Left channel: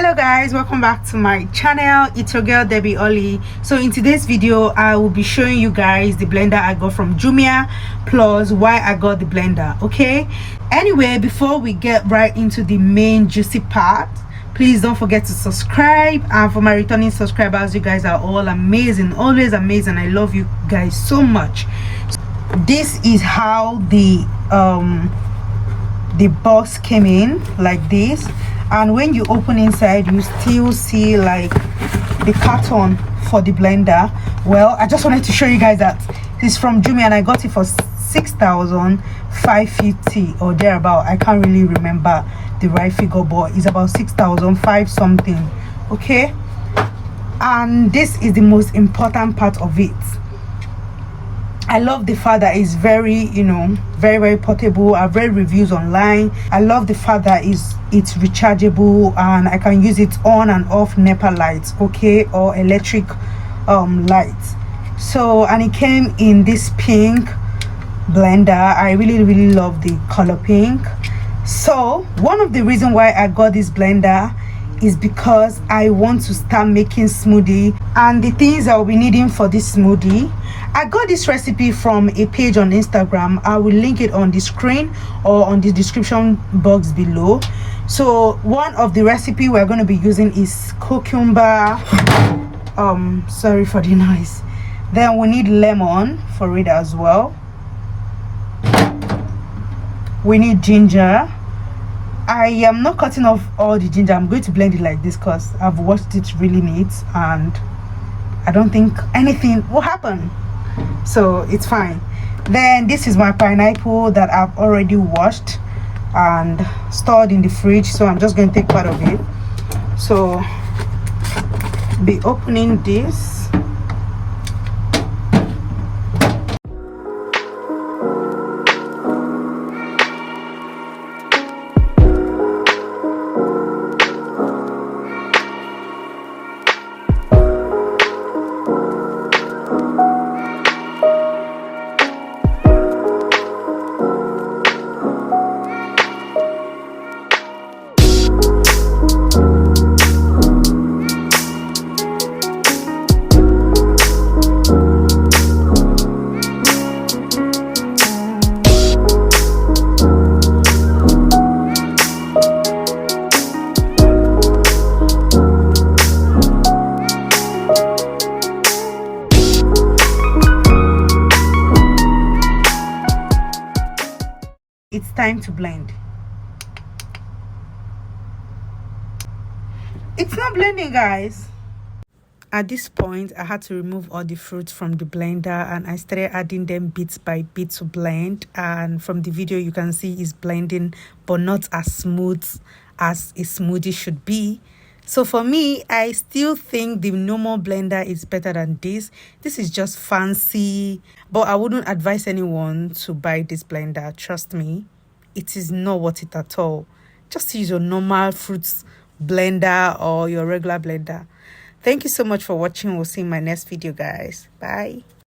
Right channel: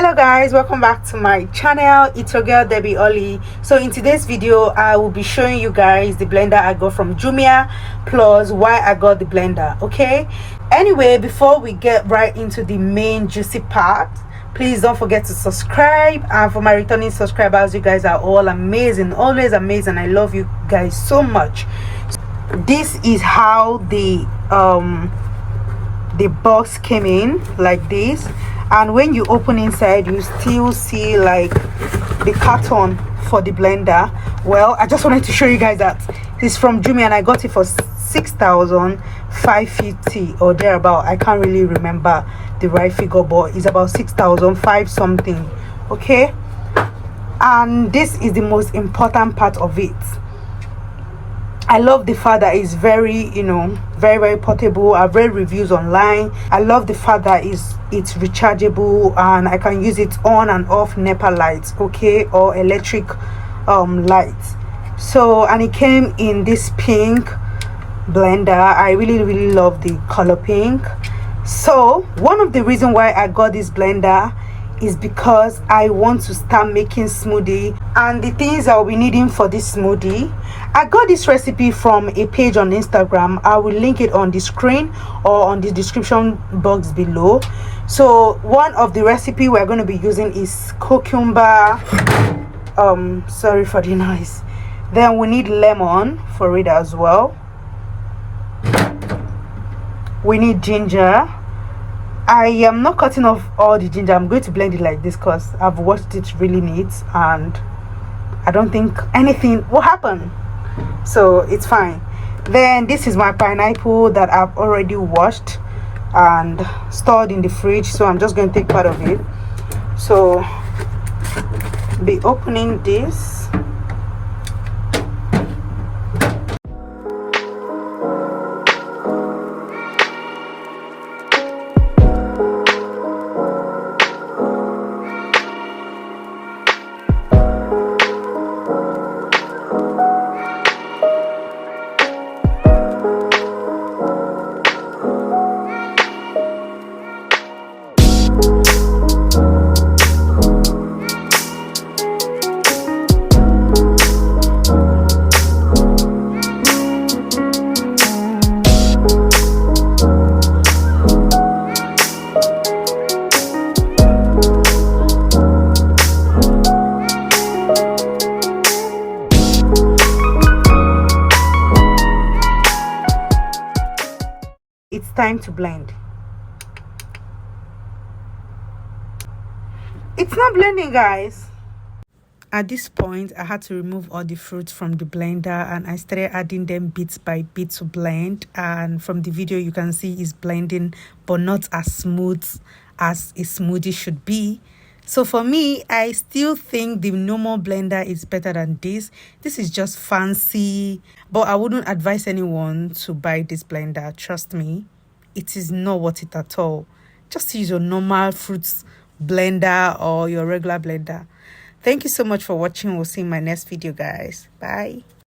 Hello guys, welcome back to my channel. It's your girl Debbie Oli. So in today's video I will be showing you guys the blender I got from Jumia plus why I got the blender. Okay, anyway, before we get right into the main juicy part, please don't forget to subscribe. And for my returning subscribers, you guys are all amazing, always amazing. I love you guys so much. This is how the box came in, like this. And when you open inside, you still see like the carton for the blender. Well, I just wanted to show you guys that it's from Jumia and I got it for 6,550 or thereabout. I can't really remember the right figure, but it's about 6,005 something. Okay, and this is the most important part of it. I love the fact that it's very, very portable. I've read reviews online. I love the fact that it's rechargeable and I can use it on and off NEPA lights, okay, or electric lights. So, and it came in this pink blender. I really love the color pink. So one of the reasons why I got this blender is because I want to start making smoothie, and the things I'll be needing for this smoothie, I got this recipe from a page on Instagram. I will link it on the screen or on the description box below. So one of the recipe we're going to be using is cucumber, sorry for the noise. Then we need lemon for it as well. We need ginger. I am not cutting off all the ginger. I'm going to blend it like this because I've washed it really neat and I don't think anything will happen, so it's fine. Then this is my pineapple that I've already washed and stored in the fridge, so I'm just going to take part of it. So be opening this. It's time to blend. It's not blending, guys. At this point, I had to remove all the fruits from the blender and I started adding them bit by bit to blend. And from the video, you can see it's blending, but not as smooth as a smoothie should be. So for me, I still think the normal blender is better than this. This is just fancy, but I wouldn't advise anyone to buy this blender. Trust me, it is not worth it at all. Just use your normal fruits blender or your regular blender. Thank you so much for watching. We'll see you in my next video, guys. Bye.